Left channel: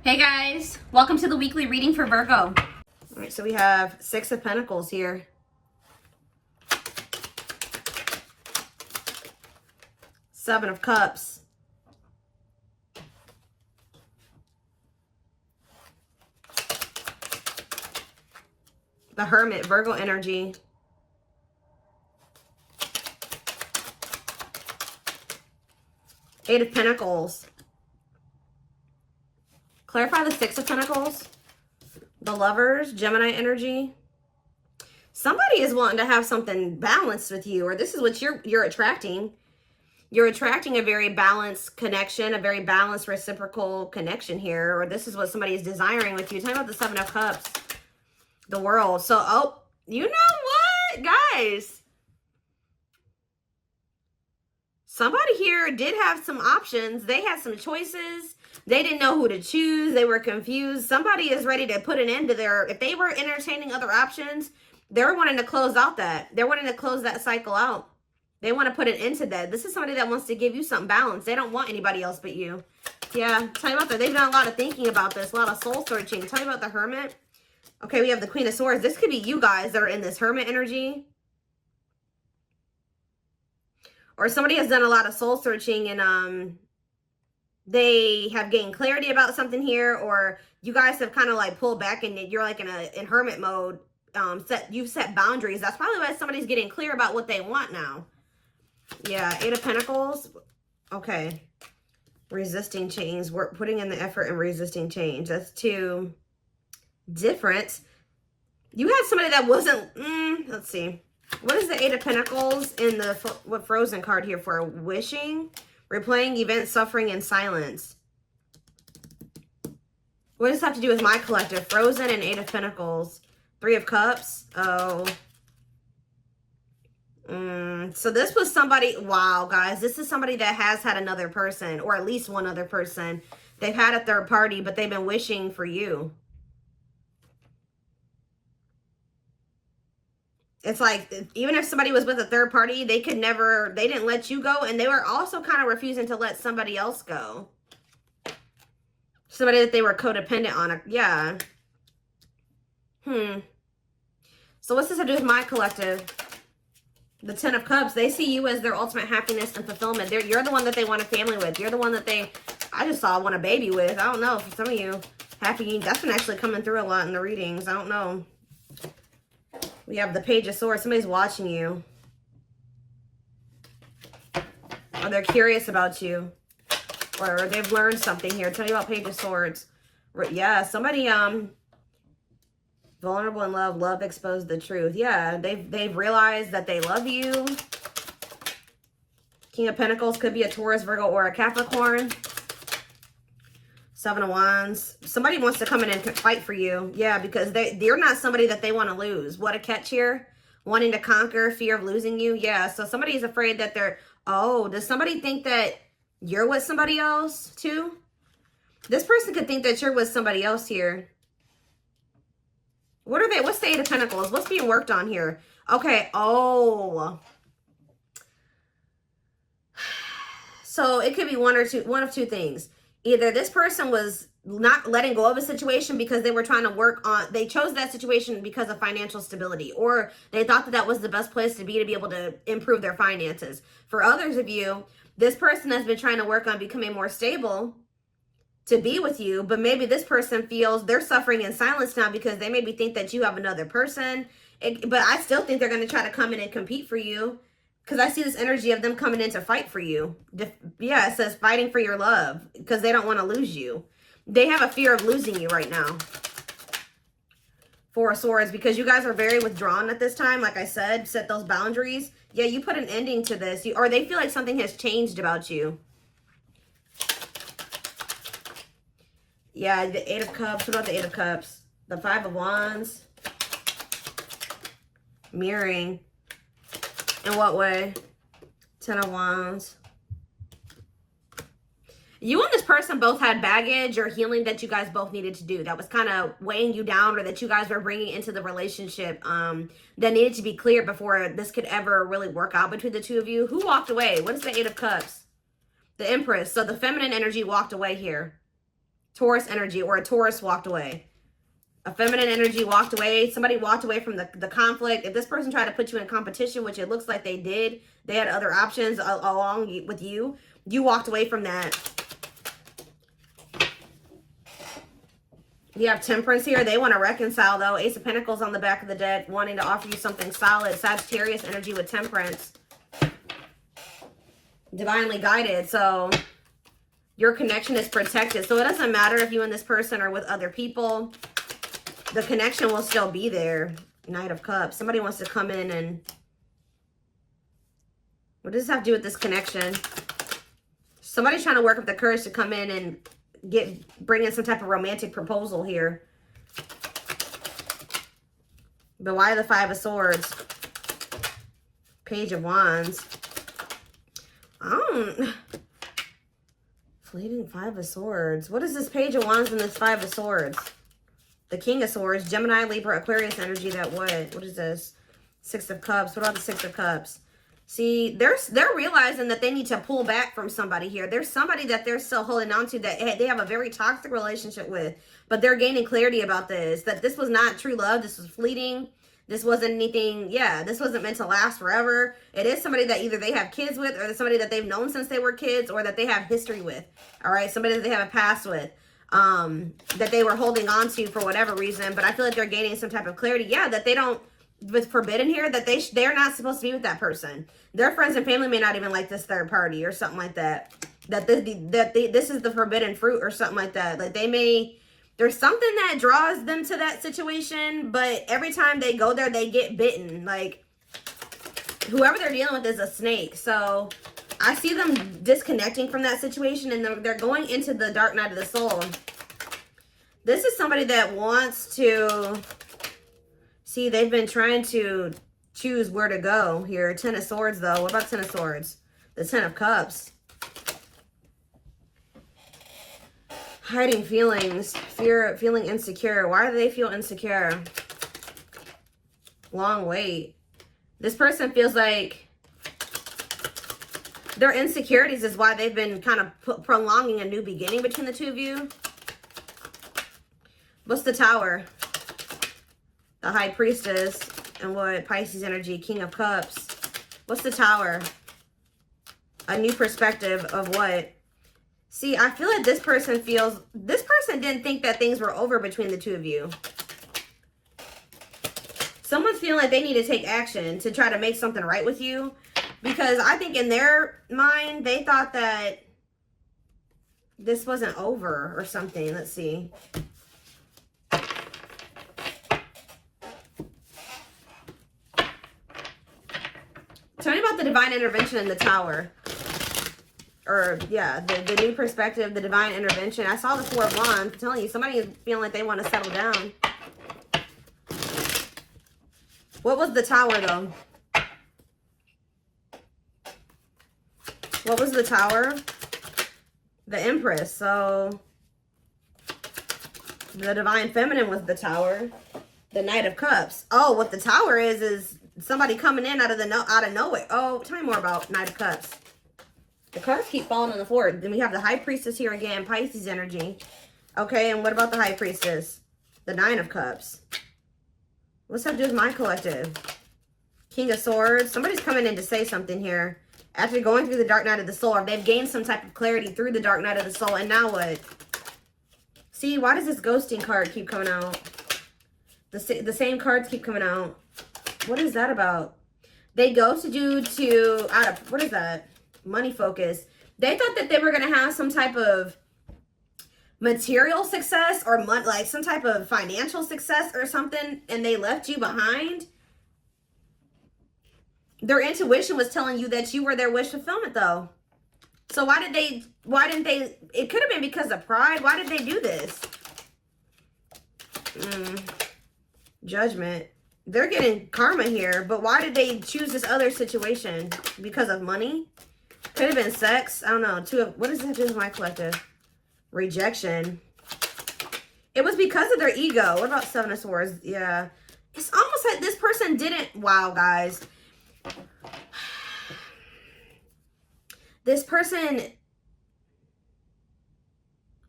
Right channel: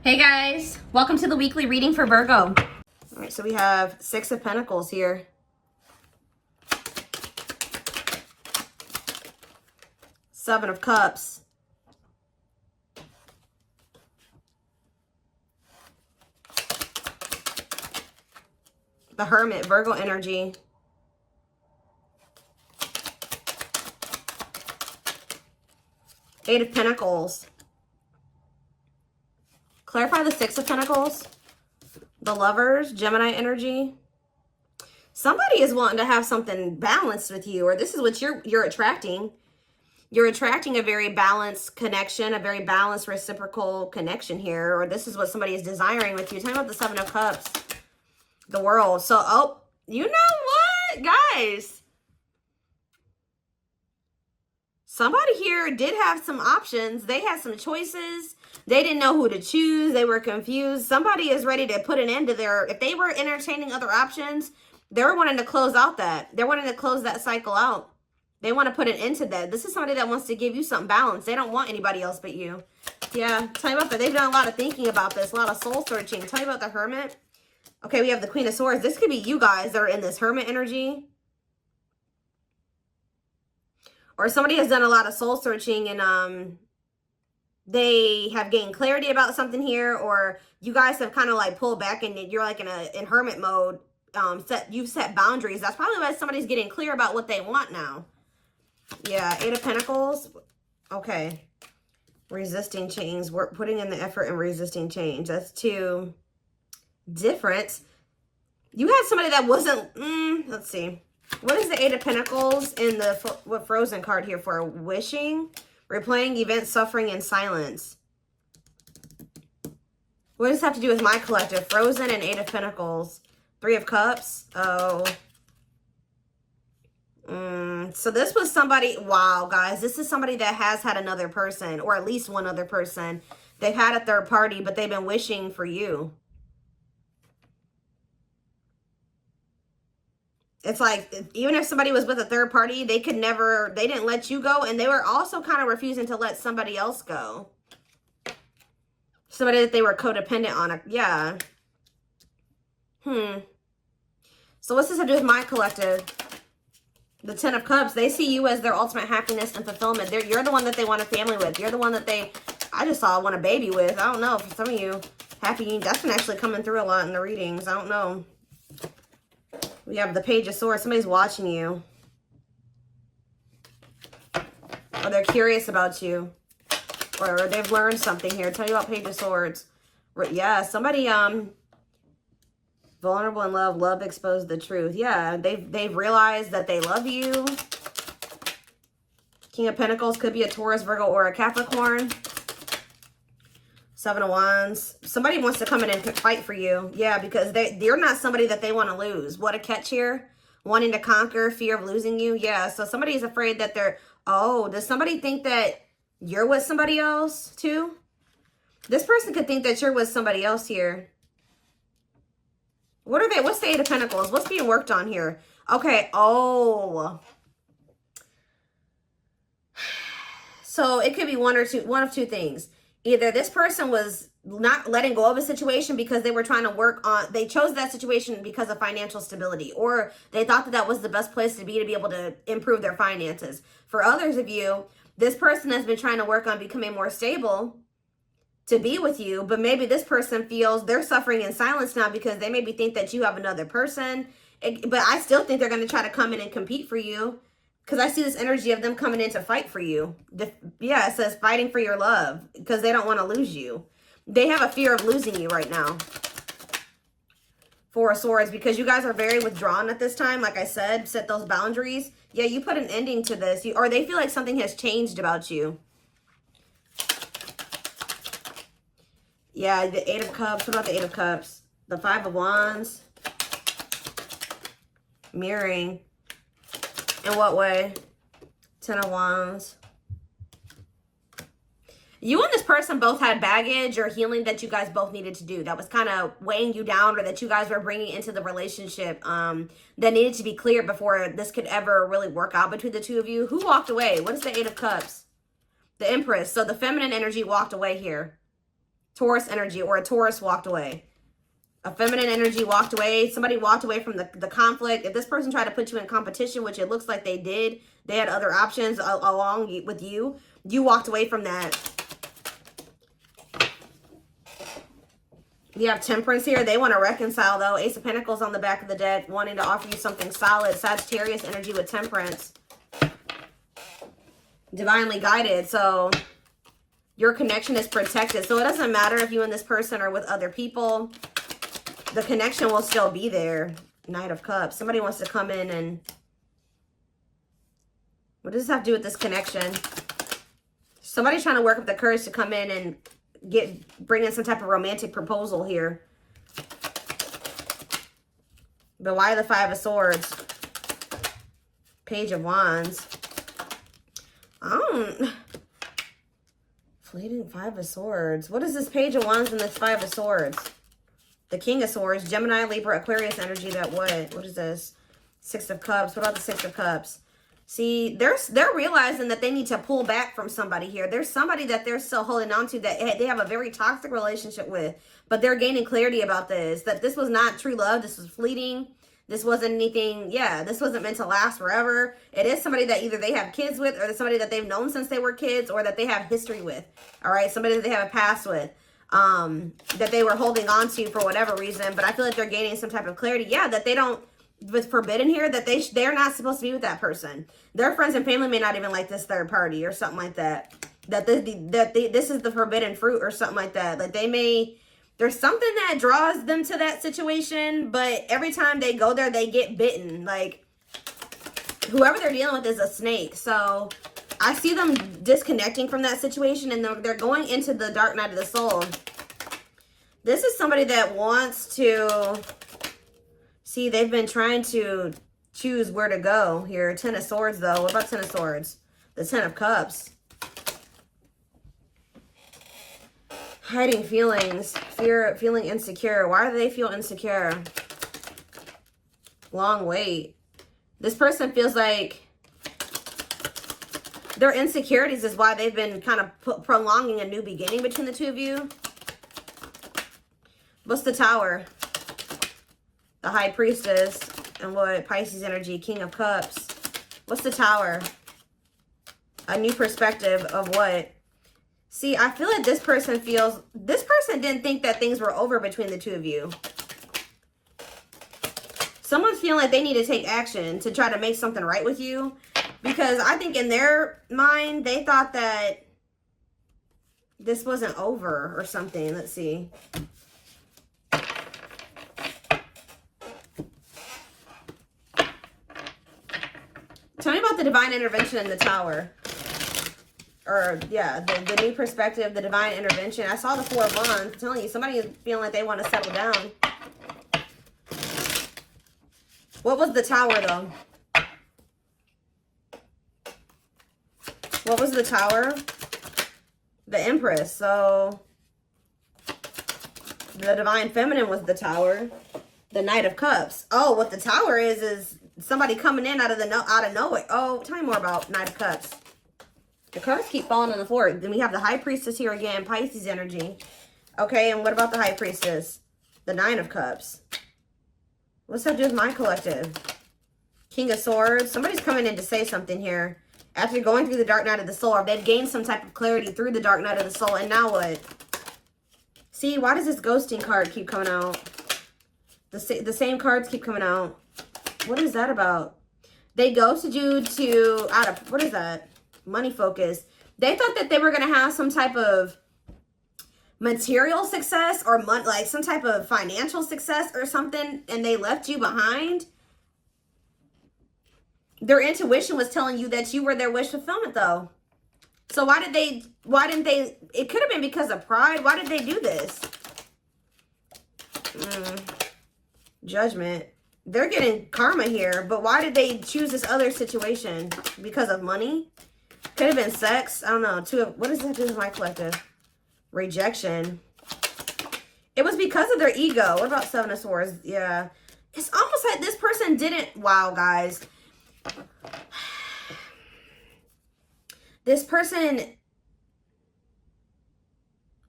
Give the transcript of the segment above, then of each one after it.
Hey guys, welcome to the weekly reading for Virgo. All right, so we have Six of Pentacles here. Seven of Cups. The Hermit, Virgo energy. Eight of Pentacles. Clarify the Six of Pentacles. The Lovers, Gemini energy. Somebody is wanting to have something balanced with you, or this is what you're attracting. You're attracting a very balanced connection, a very balanced reciprocal connection here, or this is what somebody is desiring with you. Talk about the Seven of Cups. The World. So, oh, you know what, guys? Somebody here did have some options. They had some choices. They didn't know who to choose. They were confused. Somebody is ready to put an end to their, if they were entertaining other options, they're wanting to close out that. They're wanting to close that cycle out. They want to put an end to that. This is somebody that wants to give you something balanced. They don't want anybody else but you. Yeah, tell you about that. They've done a lot of thinking about this, a lot of soul searching. Tell you about the Hermit. Okay, we have the Queen of Swords. This could be you guys that are in this Hermit energy. Or somebody has done a lot of soul searching and they have gained clarity about something here, or you guys have kind of like pulled back and you're like in hermit mode. You've set boundaries. That's probably why somebody's getting clear about what they want now. Yeah, Eight of Pentacles. Okay. Resisting change. We're putting in the effort and resisting change. That's too different. You had somebody that wasn't, let's see. What is the Eight of Pentacles in the, what Frozen card here for? Wishing, replaying events, suffering, and silence. What does this have to do with my collective? Frozen and Eight of Pentacles. Three of Cups. Oh. So this was somebody, wow, guys. This is somebody that has had another person, or at least one other person. They've had a third party, but they've been wishing for you. It's like, even if somebody was with a third party, they could never, they didn't let you go. And they were also kind of refusing to let somebody else go. Somebody that they were codependent on. Yeah. So what's this have to do with my collective? The Ten of Cups. They see you as their ultimate happiness and fulfillment. You're the one that they want a family with. You're the one that they, I just saw, want a baby with. I don't know. For some of you, happy, that's been actually coming through a lot in the readings. I don't know. We have the Page of Swords. Somebody's watching you. Or they're curious about you. Or they've learned something here. Tell you about Page of Swords. Yeah, somebody, vulnerable in love. Love exposed the truth. Yeah, they've realized that they love you. King of Pentacles could be a Taurus, Virgo, or a Capricorn. Seven of Wands. Somebody wants to come in and fight for you. Yeah, because they're not somebody that they want to lose. What a catch here. Wanting to conquer, fear of losing you. Yeah, so somebody's afraid that they're... Oh, does somebody think that you're with somebody else too? This person could think that you're with somebody else here. What are they? What's the Eight of Pentacles? What's being worked on here? Okay, oh... So it could be one of two things. Either this person was not letting go of a situation because they were trying to work on, they chose that situation because of financial stability, or they thought that that was the best place to be able to improve their finances. For others of you, this person has been trying to work on becoming more stable to be with you, but maybe this person feels they're suffering in silence now because they maybe think that you have another person. But I still think they're going to try to come in and compete for you. Because I see this energy of them coming in to fight for you. Yeah, it says fighting for your love. Because they don't want to lose you. They have a fear of losing you right now. Four of Swords. Because you guys are very withdrawn at this time. Like I said, set those boundaries. Yeah, you put an ending to this. Or they feel like something has changed about you. Yeah, the Eight of Cups. What about the Eight of Cups? The Five of Wands. Mirroring. In what way? Ten of Wands. You and this person both had baggage or healing that you guys both needed to do. That was kind of weighing you down, or that you guys were bringing into the relationship that needed to be cleared before this could ever really work out between the two of you. Who walked away? What is the Eight of Cups? The Empress. So the feminine energy walked away here. Taurus energy, or a Taurus walked away. A feminine energy walked away. Somebody walked away from the conflict. If this person tried to put you in competition, which it looks like they did, they had other options along with you. You walked away from that. You have Temperance here. They want to reconcile, though. Ace of Pentacles on the back of the deck, wanting to offer you something solid. Sagittarius energy with Temperance. Divinely guided. So your connection is protected. So it doesn't matter if you and this person are with other people. The connection will still be there. Knight of Cups. Somebody wants to come in and... What does this have to do with this connection? Somebody's trying to work up the courage to come in and bring in some type of romantic proposal here. But why the Five of Swords? Page of Wands. Fleeting Five of Swords. What is this Page of Wands and this Five of Swords? The King of Swords. Gemini, Libra, Aquarius energy. That what? What is this? Six of Cups. What about the Six of Cups? See, they're realizing that they need to pull back from somebody here. There's somebody that they're still holding on to that they have a very toxic relationship with. But they're gaining clarity about this. That this was not true love. This was fleeting. This wasn't anything, yeah, this wasn't meant to last forever. It is somebody that either they have kids with, or somebody that they've known since they were kids, or that they have history with. All right, somebody that they have a past with. That they were holding on to for whatever reason. But I feel like they're gaining some type of clarity. Yeah, that they don't... With forbidden here, that they're not supposed to be with that person. Their friends and family may not even like this third party or something like that. This is the forbidden fruit or something like that. Like there's something that draws them to that situation, but every time they go there, they get bitten. Like whoever they're dealing with is a snake. So I see them disconnecting from that situation, and they're going into the dark night of the soul. This is somebody that wants to... See, they've been trying to choose where to go here. Ten of Swords, though. What about Ten of Swords? The Ten of Cups. Hiding feelings. Feeling insecure. Why do they feel insecure? Long wait. This person feels like their insecurities is why they've been kind of prolonging a new beginning between the two of you. What's the Tower? The High Priestess, and what? Pisces energy, King of Cups. What's the Tower? A new perspective of what? See, I feel like this person didn't think that things were over between the two of you. Someone's feeling like they need to take action to try to make something right with you. Because I think in their mind, they thought that this wasn't over or something. Let's see. Tell me about the divine intervention in the Tower. Or, yeah, the new perspective, the divine intervention. I saw the Four of Wands. I'm telling you, somebody is feeling like they want to settle down. What was the Tower, though? What was the Tower? The Empress. So, the divine feminine was the Tower. The Knight of Cups. Oh, what the Tower is somebody coming in out of nowhere. Oh, tell me more about Knight of Cups. The cards keep falling on the floor. Then we have the High Priestess here again, Pisces energy. Okay, and what about the High Priestess? The Nine of Cups. What's that do with my collective? King of Swords. Somebody's coming in to say something here. After going through the dark night of the soul, they've gained some type of clarity through the dark night of the soul. And now what? See, why does this ghosting card keep coming out? The same cards keep coming out. What is that about? They ghosted you what is that? Money focus. They thought that they were going to have some type of material success or like some type of financial success or something, and they left you behind. Their intuition was telling you that you were their wish fulfillment, though. So why didn't they, it could have been because of pride. Why did they do this? Judgment. They're getting karma here, but why did they choose this other situation? Because of money? Could have been sex. I don't know. What does that do with my collective? Rejection. It was because of their ego. What about Seven of Swords? Yeah. It's almost like this person didn't. Wow, guys. This person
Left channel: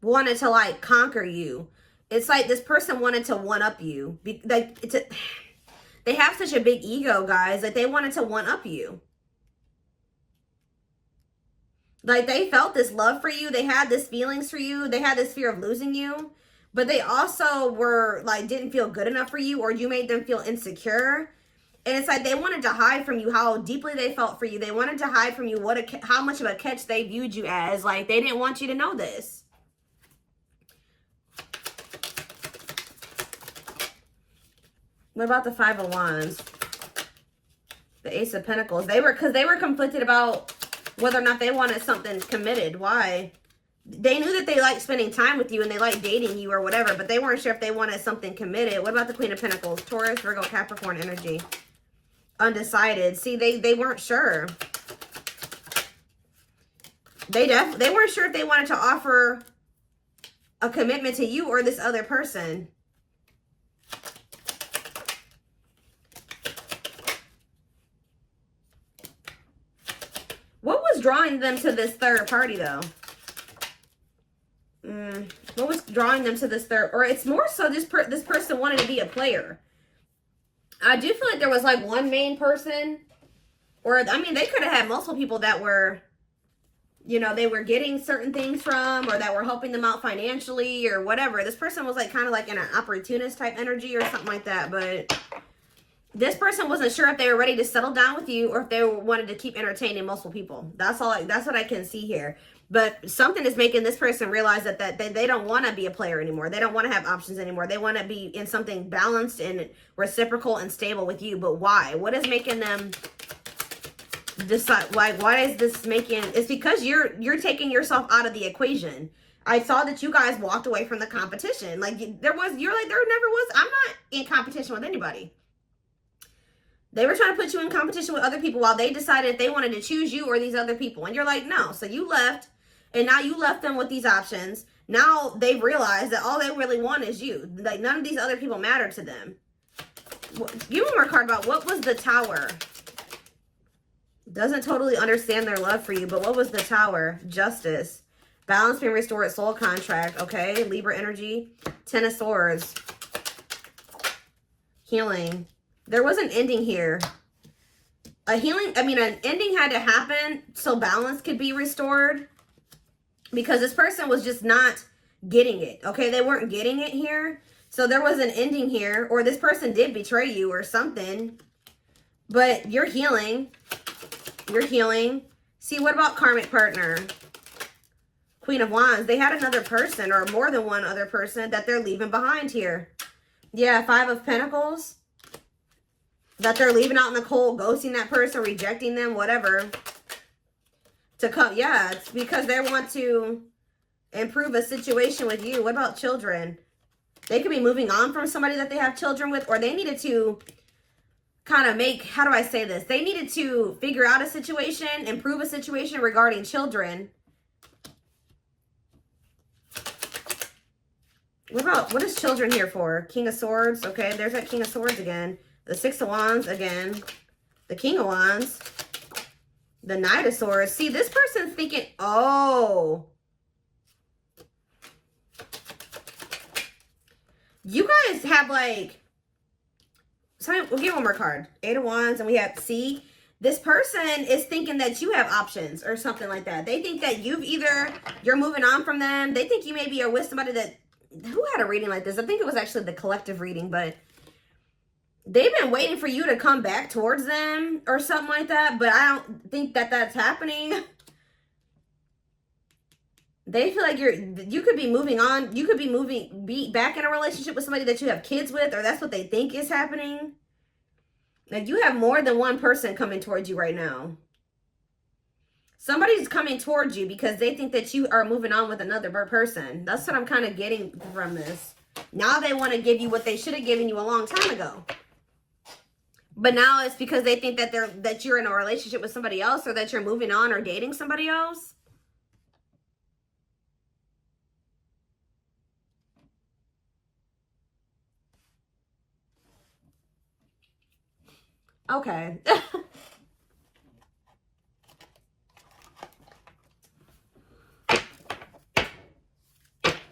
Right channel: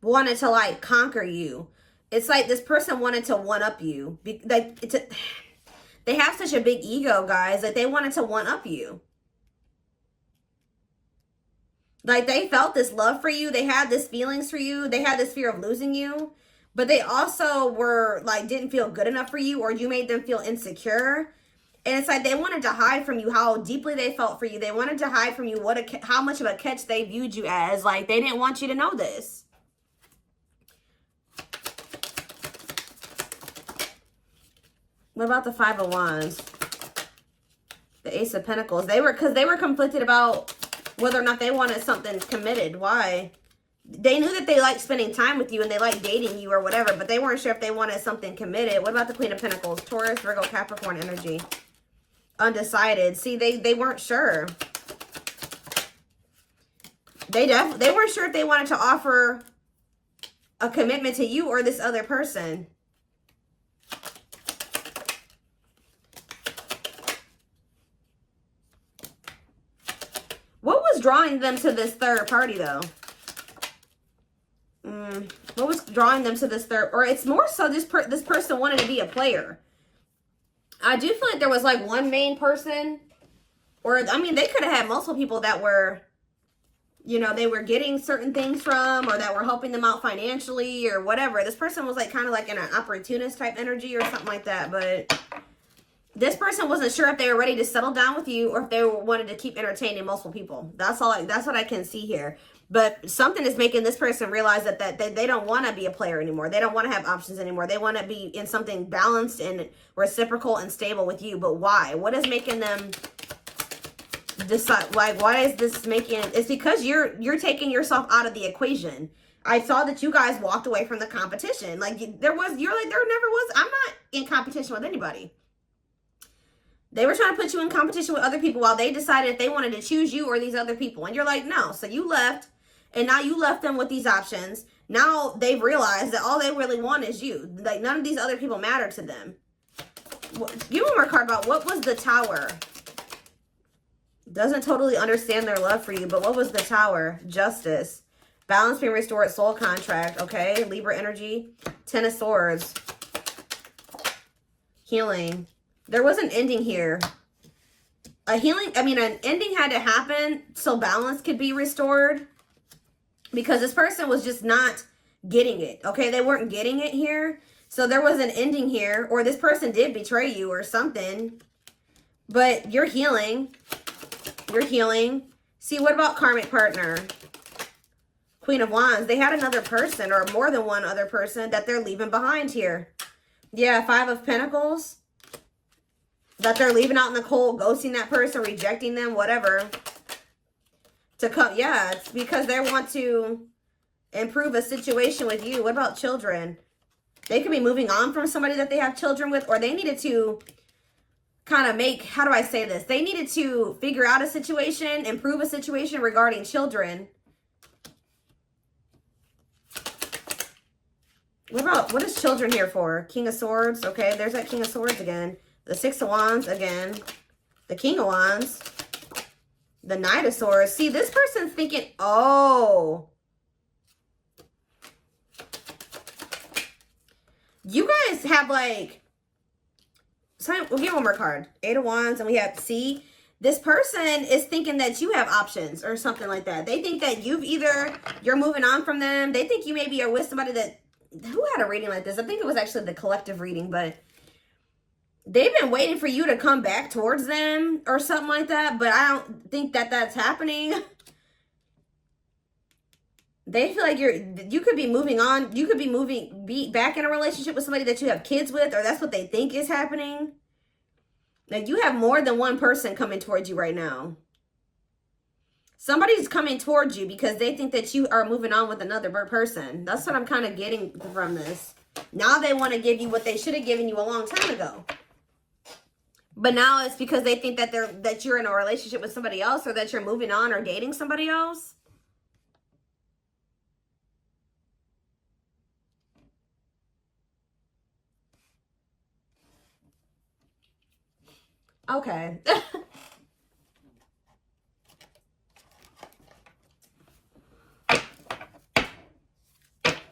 wanted to like conquer you. It's like this person wanted to one up you. Like they have such a big ego, guys. Like they wanted to one up you. Like they felt this love for you. They had this feelings for you. They had this fear of losing you. But they also were like, didn't feel good enough for you, or you made them feel insecure. And it's like they wanted to hide from you how deeply they felt for you. They wanted to hide from you how much of a catch they viewed you as. Like they didn't want you to know this. What about the Five of Wands? The Ace of Pentacles. Because they were conflicted about whether or not they wanted something committed. Why? They knew that they liked spending time with you and they liked dating you or whatever, but they weren't sure if they wanted something committed. What about the Queen of Pentacles? Taurus, Virgo, Capricorn energy. Undecided. See, they weren't sure. They weren't sure if they wanted to offer a commitment to you or this other person. What was drawing them to this third party, though? What was drawing them to this third? Or it's more so this person wanted to be a player. I do feel like there was like one main person. Or, I mean, they could have had multiple people that were, you know, they were getting certain things from, or that were helping them out financially or whatever. This person was like kind of like in an opportunist type energy or something like that. But this person wasn't sure if they were ready to settle down with you or if they wanted to keep entertaining multiple people. That's what I can see here. But something is making this person realize that they don't want to be a player anymore. They don't want to have options anymore. They want to be in something balanced and reciprocal and stable with you. But why? What is making them decide? Like, why is this making? It's because you're taking yourself out of the equation. I saw that you guys walked away from the competition. Like there never was. I'm not in competition with anybody. They were trying to put you in competition with other people while they decided if they wanted to choose you or these other people. And you're like, no. So you left. And now you left them with these options. Now they've realized that all they really want is you. Like none of these other people matter to them. Give one more card about what was the Tower. Doesn't totally understand their love for you. But what was the Tower? Justice. Balance being restored. Soul contract. Okay. Libra energy. Ten of Swords. Healing. There was an ending here. An ending had to happen so balance could be restored. Because this person was just not getting it. Okay, they weren't getting it here. So there was an ending here. Or this person did betray you or something. But you're healing. You're healing. See, what about karmic partner? Queen of Wands. They had another person or more than one other person that they're leaving behind here. Yeah, Five of Pentacles. That they're leaving out in the cold, ghosting that person, rejecting them, whatever. To come, yeah, it's because they want to improve a situation with you. What about children? They could be moving on from somebody that they have children with, or they needed to kind of how do I say this? They needed to figure out a situation, improve a situation regarding children. What is children here for? King of Swords. Okay, there's that King of Swords again. The Six of Wands again. The King of Wands. The Knight of Swords. See, this person's thinking, oh. You guys have like, we'll get one more card. Eight of Wands, and we have, see, this person is thinking that you have options or something like that. They think that you're moving on from them. They think you maybe are with somebody that, who had a reading like this? I think it was actually the collective reading, but they've been waiting for you to come back towards them or something like that, but I don't think that that's happening. They feel like you could be moving on. You could be back in a relationship with somebody that you have kids with, or that's what they think is happening. Like you have more than one person coming towards you right now. Somebody's coming towards you because they think that you are moving on with another person. That's what I'm kind of getting from this. Now they want to give you what they should have given you a long time ago. But now it's because they think that you're in a relationship with somebody else, or that you're moving on or dating somebody else. Okay.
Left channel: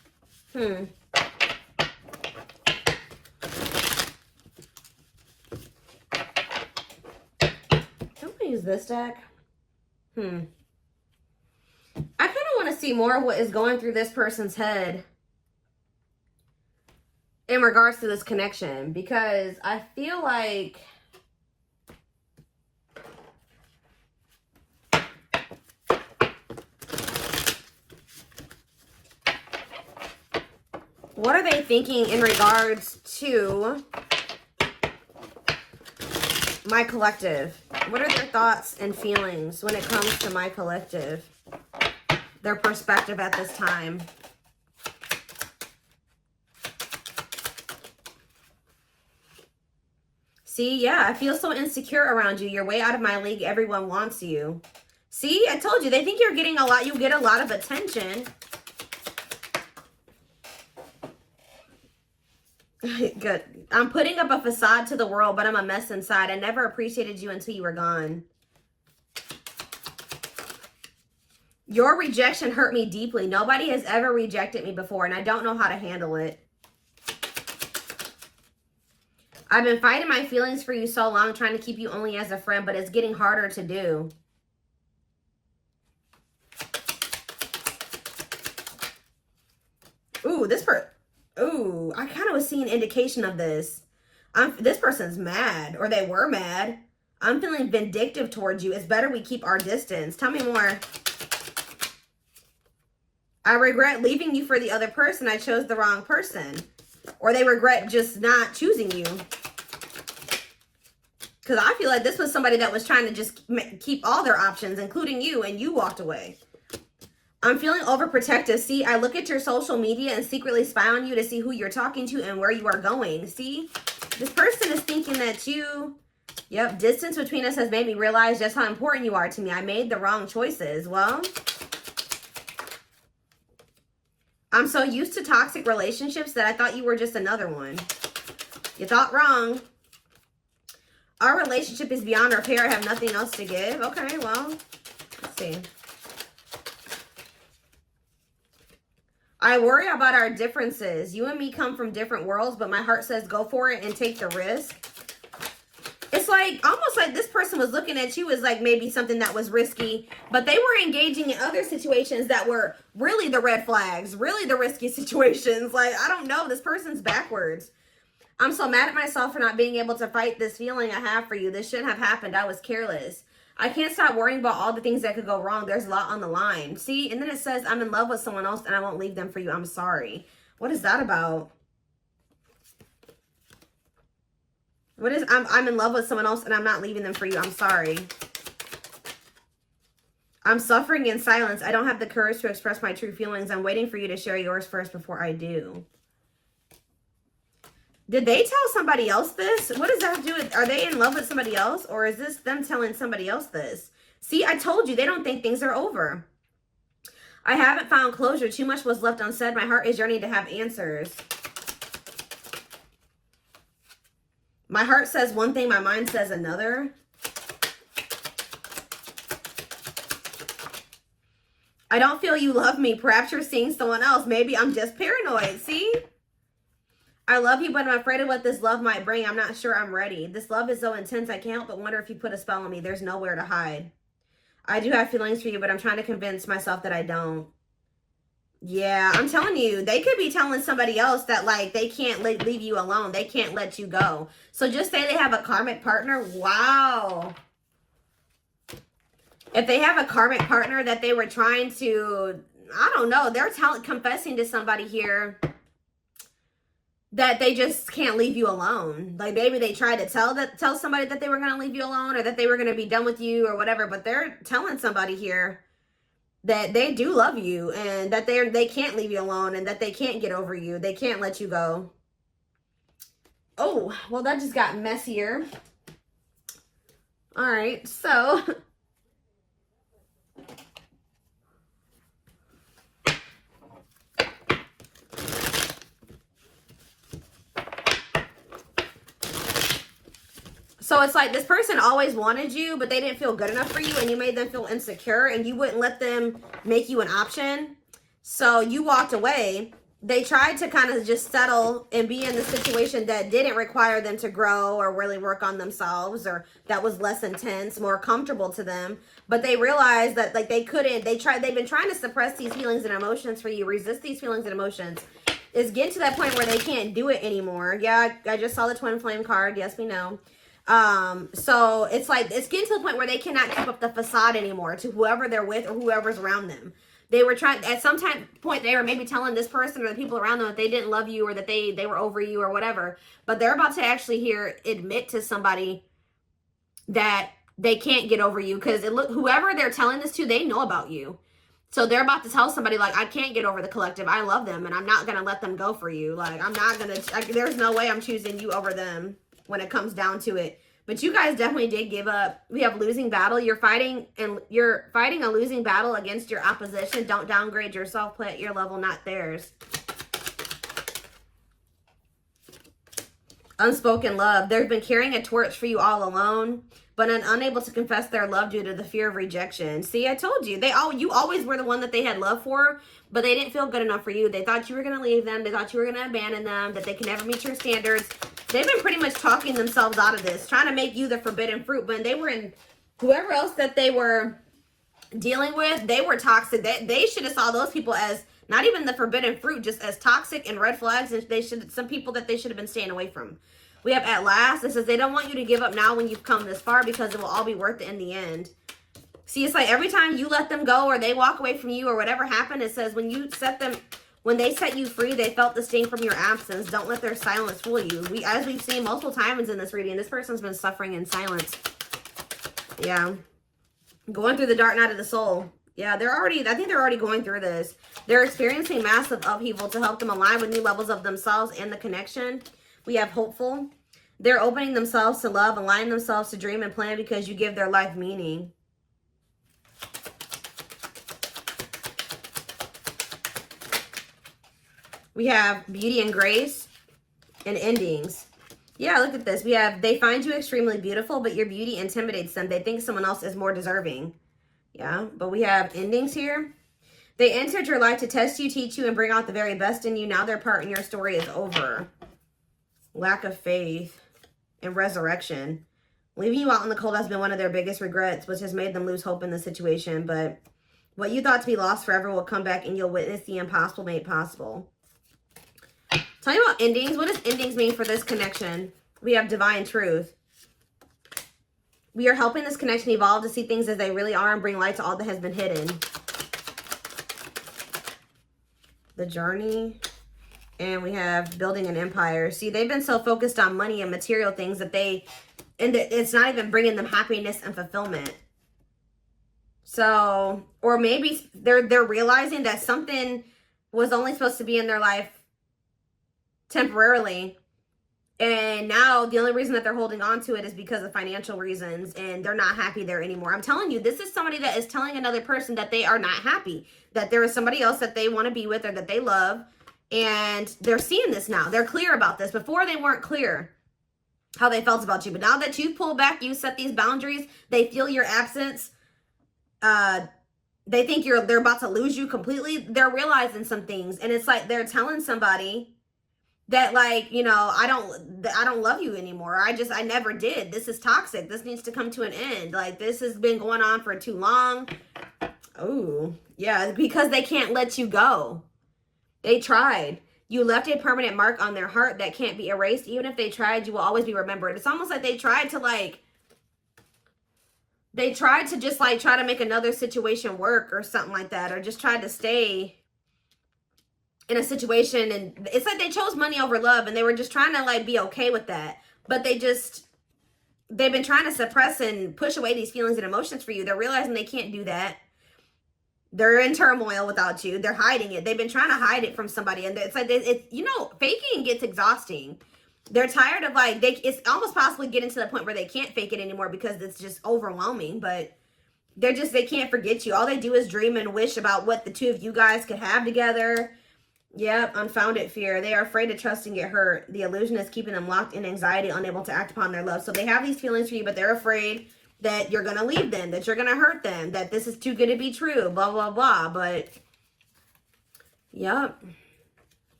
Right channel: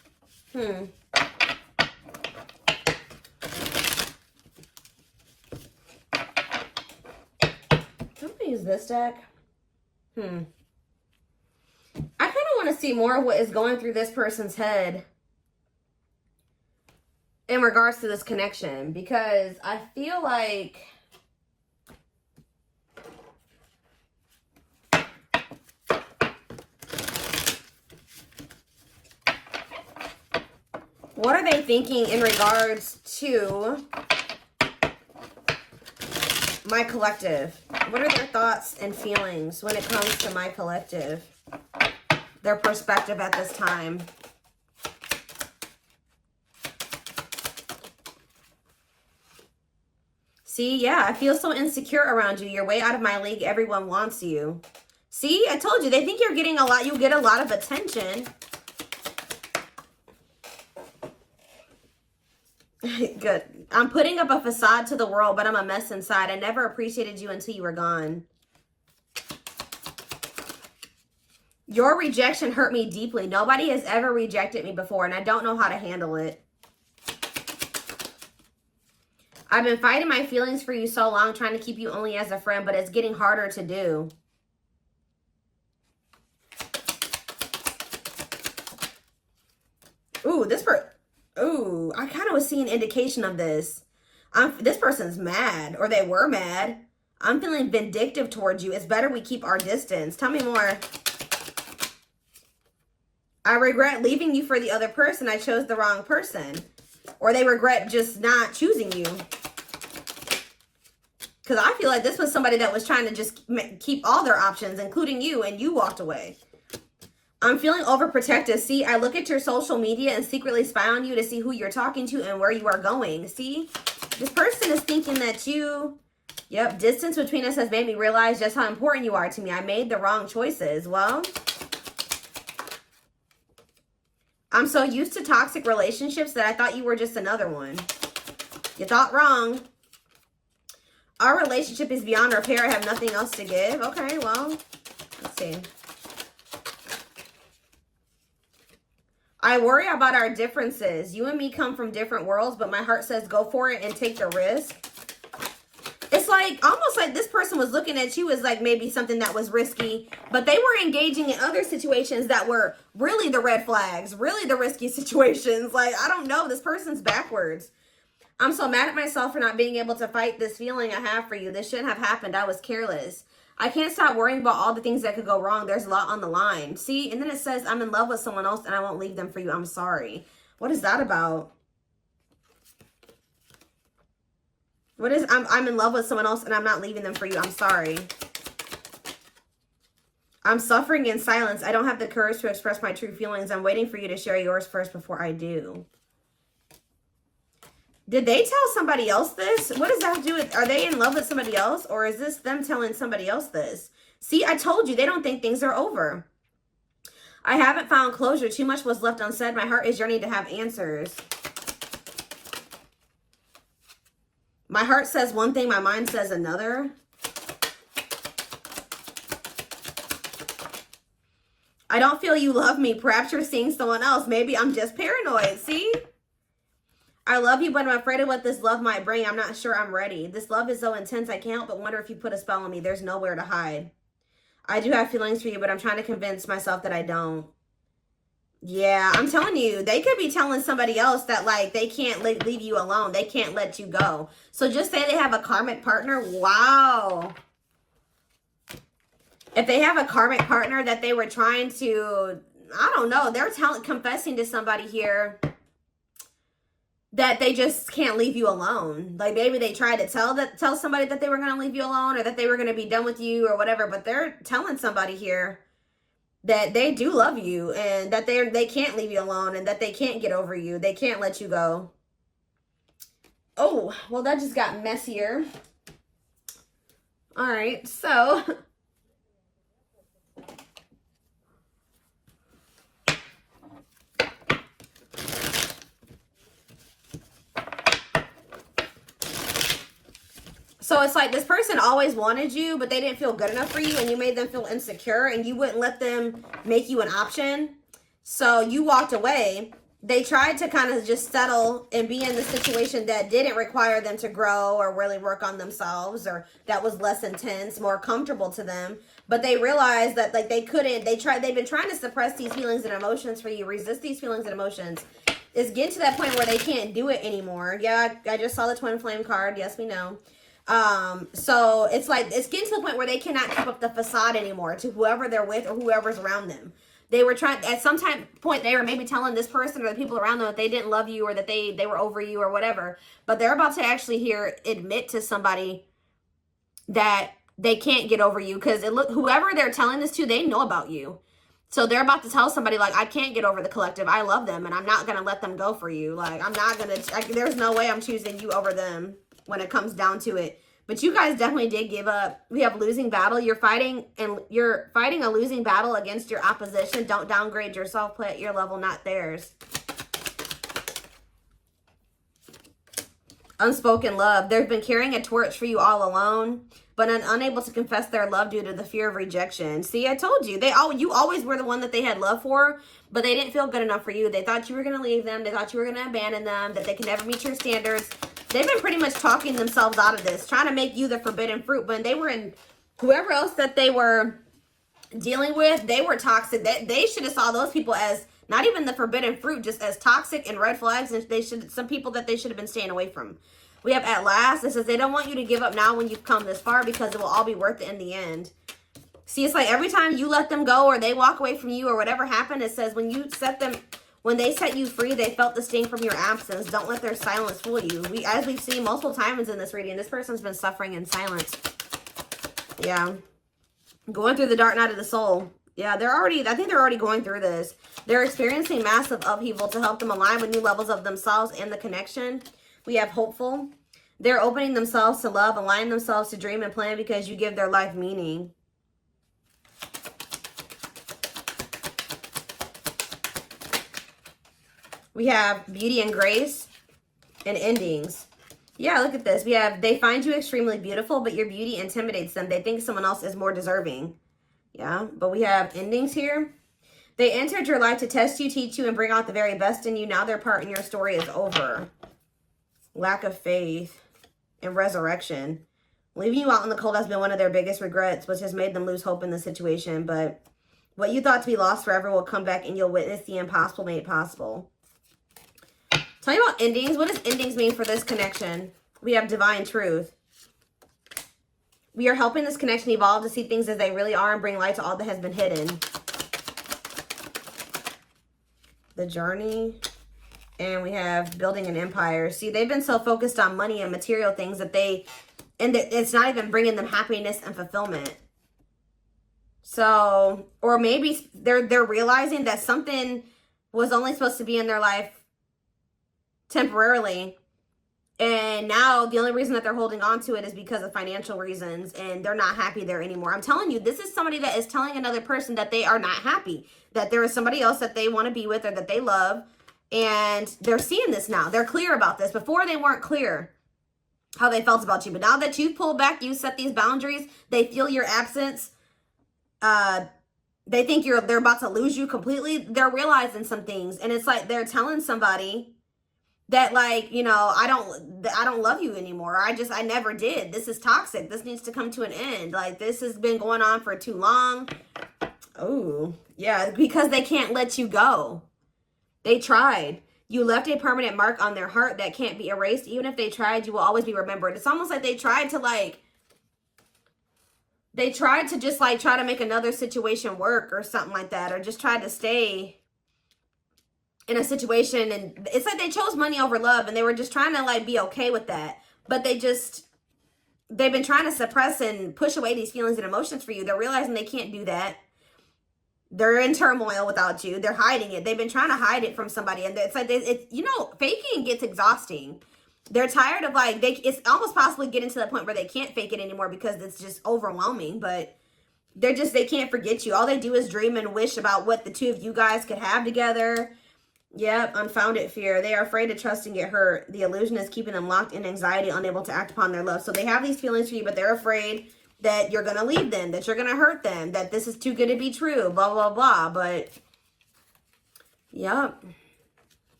I'm gonna use this deck. I kind of want to see more of what is going through this person's head in regards to this connection, because I feel like what are they thinking in regards to my collective? What are their thoughts and feelings when it comes to my collective? Their perspective at this time. See, yeah, I feel so insecure around you. You're way out of my league. Everyone wants you. See, I told you, they think you're getting a lot. You get a lot of attention. Good. I'm putting up a facade to the world, but I'm a mess inside. I never appreciated you until you were gone. Your rejection hurt me deeply. Nobody has ever rejected me before, and I don't know how to handle it. I've been fighting my feelings for you so long, trying to keep you only as a friend, but it's getting harder to do. Ooh, ooh, I kind of was seeing indication of this. This person's mad, or they were mad. I'm feeling vindictive towards you. It's better we keep our distance. Tell me more. I regret leaving you for the other person. I chose the wrong person. Or they regret just not choosing you. Because I feel like this was somebody that was trying to just keep all their options, including you, and you walked away. I'm feeling overprotective. See, I look at your social media and secretly spy on you to see who you're talking to and where you are going. See, this person is thinking that you, yep, distance between us has made me realize just how important you are to me. I made the wrong choices. Well, I'm so used to toxic relationships that I thought you were just another one. You thought wrong. Our relationship is beyond repair. I have nothing else to give. Okay, well, let's see. I worry about our differences. You and me come from different worlds, but my heart says go for it and take the risk. It's like, almost like this person was looking at you as like maybe something that was risky, but they were engaging in other situations that were really the red flags, really the risky situations. Like, I don't know, this person's backwards. I'm so mad at myself for not being able to fight this feeling I have for you. This shouldn't have happened. I was careless. I can't stop worrying about all the things that could go wrong. There's a lot on the line. See, and then it says, I'm in love with someone else and I won't leave them for you. I'm sorry. What is that about? What is, I'm in love with someone else and I'm not leaving them for you. I'm sorry. I'm suffering in silence. I don't have the courage to express my true feelings. I'm waiting for you to share yours first before I do. Did they tell somebody else this? What does that have to do with, are they in love with somebody else? Or is this them telling somebody else this? See, I told you, they don't think things are over. I haven't found closure. Too much was left unsaid. My heart is yearning to have answers. My heart says one thing, my mind says another. I don't feel you love me. Perhaps you're seeing someone else. Maybe I'm just paranoid. See? I love you, but I'm afraid of what this love might bring. I'm not sure I'm ready. This love is so intense, I can't help but wonder if you put a spell on me. There's nowhere to hide. I do have feelings for you, but I'm trying to convince myself that I don't. Yeah, I'm telling you, they could be telling somebody else that, like, they can't leave you alone. They can't let you go. So just say they have a karmic partner. Wow. If they have a karmic partner that they were trying to, I don't know, they're confessing to somebody here that they just can't leave you alone. Like, maybe they tried to tell somebody that they were going to leave you alone or that they were going to be done with you or whatever, but they're telling somebody here that they do love you and that they can't leave you alone and that they can't get over you. They can't let you go. Oh, well, that just got messier. All right, so so it's like this person always wanted you, but they didn't feel good enough for you, and you made them feel insecure, and you wouldn't let them make you an option. So you walked away, they tried to kind of just settle and be in the situation that didn't require them to grow or really work on themselves, or that was less intense, more comfortable to them. But they realized that like they've been trying to suppress these feelings and emotions for you, resist these feelings and emotions. It's getting to that point where they can't do it anymore. Yeah, I just saw the twin flame card. Yes, we know. So it's like, it's getting to the point where they cannot keep up the facade anymore to whoever they're with or whoever's around them. They were trying, at some point, they were maybe telling this person or the people around them that they didn't love you or that they were over you or whatever. But they're about to actually admit to somebody that they can't get over you, because whoever they're telling this to, they know about you. So they're about to tell somebody, like, I can't get over the collective. I love them, and I'm not going to let them go for you. Like, I'm not going to, there's no way I'm choosing you over them when it comes down to it. But you guys definitely did give up. We have losing battle. You're fighting a losing battle against your opposition. Don't downgrade yourself. Play at your level, not theirs. Unspoken love. They've been carrying a torch for you all alone, but unable to confess their love due to the fear of rejection. See, I told you. You always were the one that they had love for, but they didn't feel good enough for you. They thought you were going to leave them. They thought you were going to abandon them, that they could never meet your standards. They've been pretty much talking themselves out of this, trying to make you the forbidden fruit. When they were in, whoever else that they were dealing with, they were toxic. They should have saw those people as not even the forbidden fruit, just as toxic and red flags. And some people that they should have been staying away from. We have at last. It says they don't want you to give up now when you've come this far, because it will all be worth it in the end. See, it's like every time you let them go or they walk away from you or whatever happened, it says when they set you free, they felt the sting from your absence. Don't let their silence fool you. As we've seen multiple times in this reading, this person's been suffering in silence. Yeah. Going through the dark night of the soul. Yeah, I think they're already going through this. They're experiencing massive upheaval to help them align with new levels of themselves and the connection. We have hopeful. They're opening themselves to love, aligning themselves to dream and plan because you give their life meaning. We have beauty and grace and endings. Yeah, look at this. We have, they find you extremely beautiful, but your beauty intimidates them. They think someone else is more deserving. Yeah, but we have endings here. They entered your life to test you, teach you, and bring out the very best in you. Now their part in your story is over. Lack of faith and resurrection. Leaving you out in the cold has been one of their biggest regrets, which has made them lose hope in the situation. But what you thought to be lost forever will come back, and you'll witness the impossible made possible. Tell you about endings. What does endings mean for this connection? We have divine truth. We are helping this connection evolve to see things as they really are and bring light to all that has been hidden. The journey. And we have building an empire. See, they've been so focused on money and material things that it's not even bringing them happiness and fulfillment. So, or maybe they're realizing that something was only supposed to be in their life temporarily, and now the only reason that they're holding on to it is because of financial reasons, and they're not happy there anymore. I'm telling you, this is somebody that is telling another person that they are not happy, that there is somebody else that they want to be with or that they love, and they're seeing this now. They're clear about this. Before, they weren't clear how they felt about you, but now that you've pulled back, you set these boundaries, they feel your absence, they think they're about to lose you completely. They're realizing some things, and it's like they're telling somebody that, like, you know, I don't love you anymore. I never did. This is toxic. This needs to come to an end. Like, this has been going on for too long. Oh, yeah, because they can't let you go. They tried. You left a permanent mark on their heart that can't be erased. Even if they tried, you will always be remembered. It's almost like they tried to just like try to make another situation work or something like that, or just try to stay in a situation, and it's like they chose money over love, and they were just trying to like be okay with that, but they've been trying to suppress and push away these feelings and emotions for you. They're realizing they can't do that. They're in turmoil without you. They're hiding it. They've been trying to hide it from somebody, and it's like you know, faking gets exhausting. They're tired of it's almost possibly getting to the point where they can't fake it anymore because it's just overwhelming. But they can't forget you. All they do is dream and wish about what the two of you guys could have together. Yep, unfounded fear. They are afraid to trust and get hurt. The illusion is keeping them locked in anxiety, unable to act upon their love. So they have these feelings for you, but they're afraid that you're going to leave them, that you're going to hurt them, that this is too good to be true, blah, blah, blah. But, yep.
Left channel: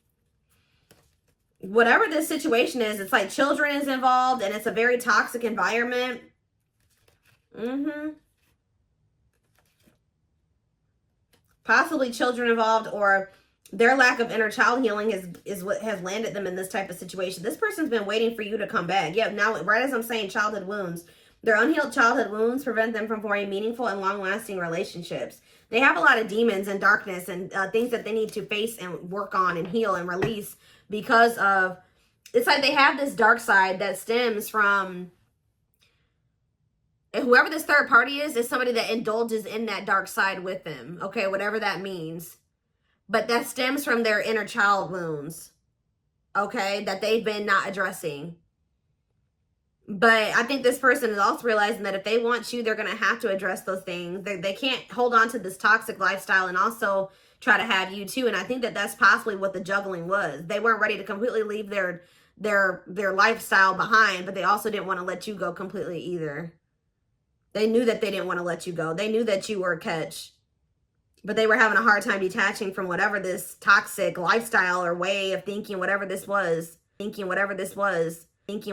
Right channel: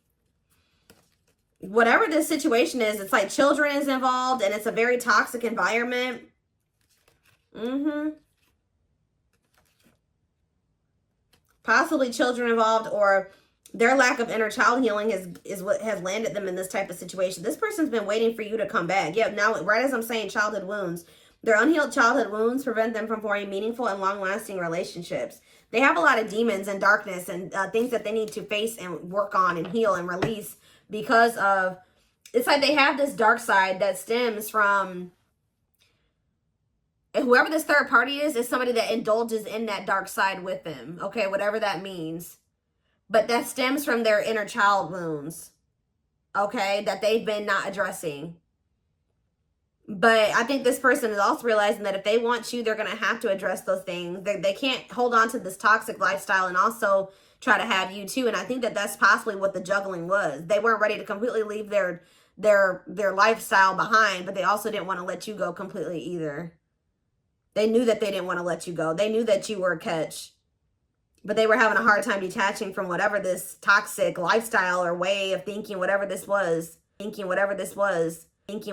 whatever this situation is, it's like children is involved and it's a very toxic environment. Possibly children involved, or their lack of inner child healing is what has landed them in this type of situation. This person's been waiting for you to come back. Yeah, now, right as I'm saying childhood wounds, their unhealed childhood wounds prevent them from forming meaningful and long-lasting relationships. They have a lot of demons and darkness and things that they need to face and work on and heal and release because of, it's like they have this dark side that stems from, whoever this third party is somebody that indulges in that dark side with them. Okay, whatever that means. But that stems from their inner child wounds. Okay, that they've been not addressing. But I think this person is also realizing that if they want you, they're going to have to address those things. They can't hold on to this toxic lifestyle and also try to have you too. And I think that that's possibly what the juggling was. They weren't ready to completely leave their lifestyle behind, but they also didn't want to let you go completely either. They knew that they didn't want to let you go. They knew that you were a catch. But they were having a hard time detaching from whatever this toxic lifestyle or way of thinking, whatever this was.